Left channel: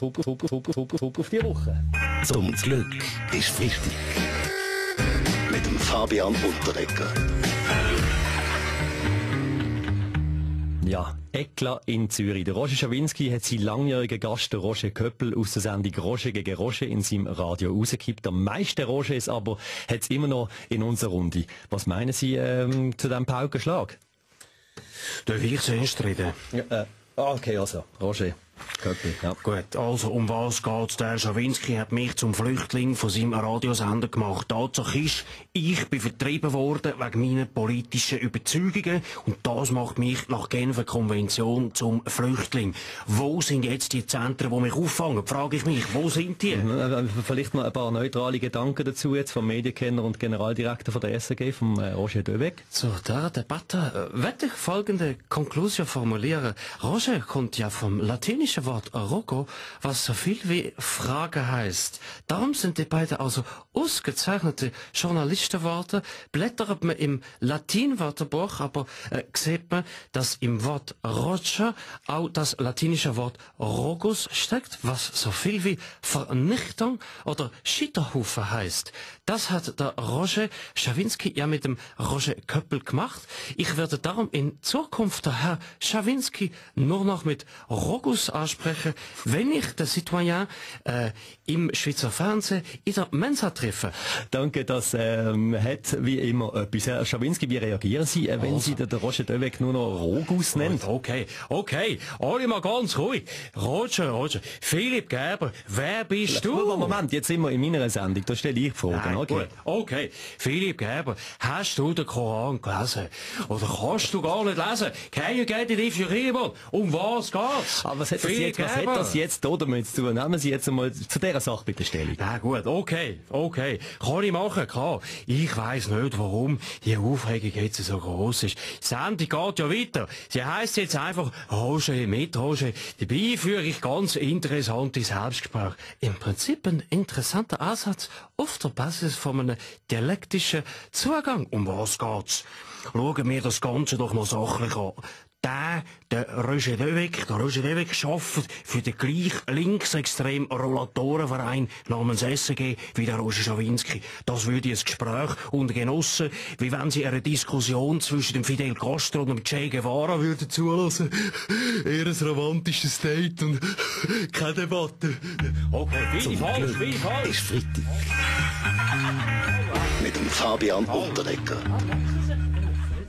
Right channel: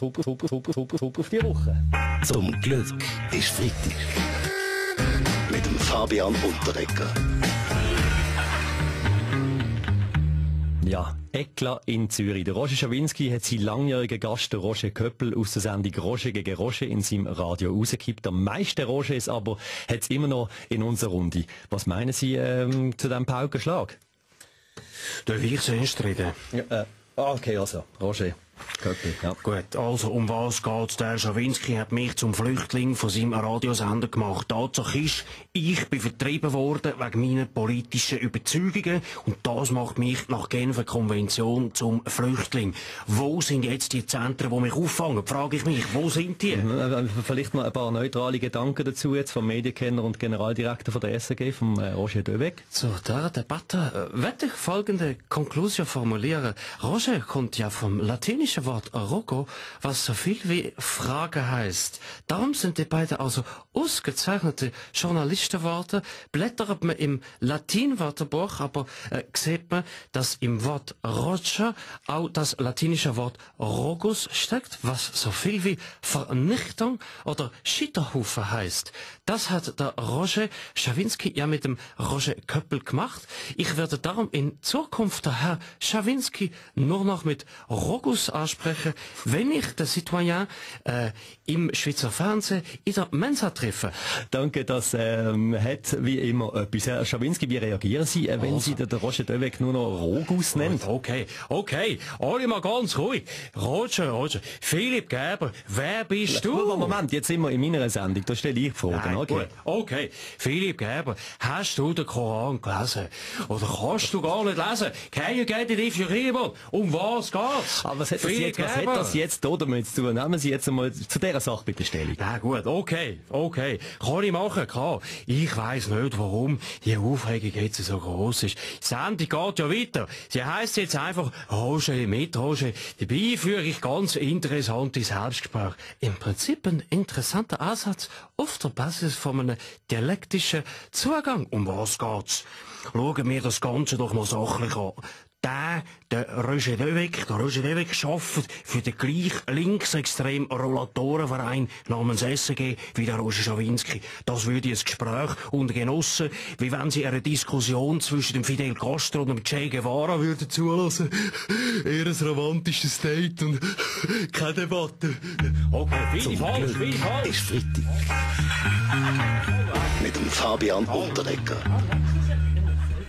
Super auf die Woche. Zum Glück ist wichtig. Mit dem Fabian Unterdecker. Ja, Eklat in Zürich. Der Roger Schawinski hat seinen langjährigen Gast, der Roger Köppel, aus der Sendung Roger gegen Roger in seinem Radio rausgekippt. Am meisten Rogers aber hat es immer noch in unserer Runde. Was meinen Sie zu diesem Paukenschlag? Darf ich zuerst reden? Ja, okay, also, Roger Köppel, ja. Gut, also um was geht's? Der Schawinski hat mich zum Flüchtling von seinem Radiosender gemacht. Tatsache ist, ich bin vertrieben worden wegen meiner politischen Überzeugungen und das macht mich nach Genfer Konvention zum Flüchtling. Wo sind jetzt die Zentren, die mich auffangen? Frage ich mich, wo sind die? Vielleicht mal ein paar neutrale Gedanken dazu jetzt vom Medienkenner und Generaldirektor von der SRG, vom Roger Döweg. Zu der Debatte möchte ich folgende Konklusion formulieren. Roger kommt ja vom latinischen Wort Rogo, was so viel wie Frage heißt. Darum sind die beiden also ausgezeichnete Journalistenworte. Blättert man im Latinwörterbuch, aber sieht man, dass im Wort Roger auch das latinische Wort Rogus steckt, was so viel wie Vernichtung oder Scheiterhaufen heißt. Das hat der Roger Schawinski ja mit dem Roger Köppel gemacht. Ich werde darum in Zukunft der Herr Schawinski nur noch mit Rogus ansprechen, wenn ich den Citoyen im Schweizer Fernsehen in der Mensa treffe. Danke, das hat wie immer etwas. Herr Schawinski, wie reagieren Sie, wenn Sie den Roger Döweg nur noch Rogus nennen? Okay, alle mal ganz ruhig. Roger, Philipp Gerber, wer bist du? Moment, jetzt sind wir in meiner Sendung, da stelle ich die Frage. Okay, Philipp Gerber, hast du den Koran gelesen? Oder kannst du gar nicht lesen? Can you get it if you read it? Um was geht's? Aber was hat das jetzt da damit zu tun? Nehmen Sie jetzt einmal zu dieser Sache bitte Stellung. Ja gut, okay. Kann ich machen, klar. Ich weiss nicht, warum die Aufregung jetzt so gross ist. Die Sendung geht ja weiter. Sie heisst jetzt einfach Roger mit Roger. Dabei führe ich ganz interessante Selbstgespräche. Im Prinzip ein interessanter Ansatz auf der Basis von einem dialektischen Zugang. Um was geht's? Schauen wir das Ganze doch noch sachlich an. Der Roger Döweg arbeitet für den gleich linksextremen Rollatorenverein namens SRG wie der Roger Schawinski. Das würde ein Gespräch unter Genossen, wie wenn sie eine Diskussion zwischen dem Fidel Castro und dem Che Guevara würden zulassen. Eher ein romantisches Date und keine Debatte. Okay, viel falsch. Ist Freitag. Mit dem Fabian Unterdecker.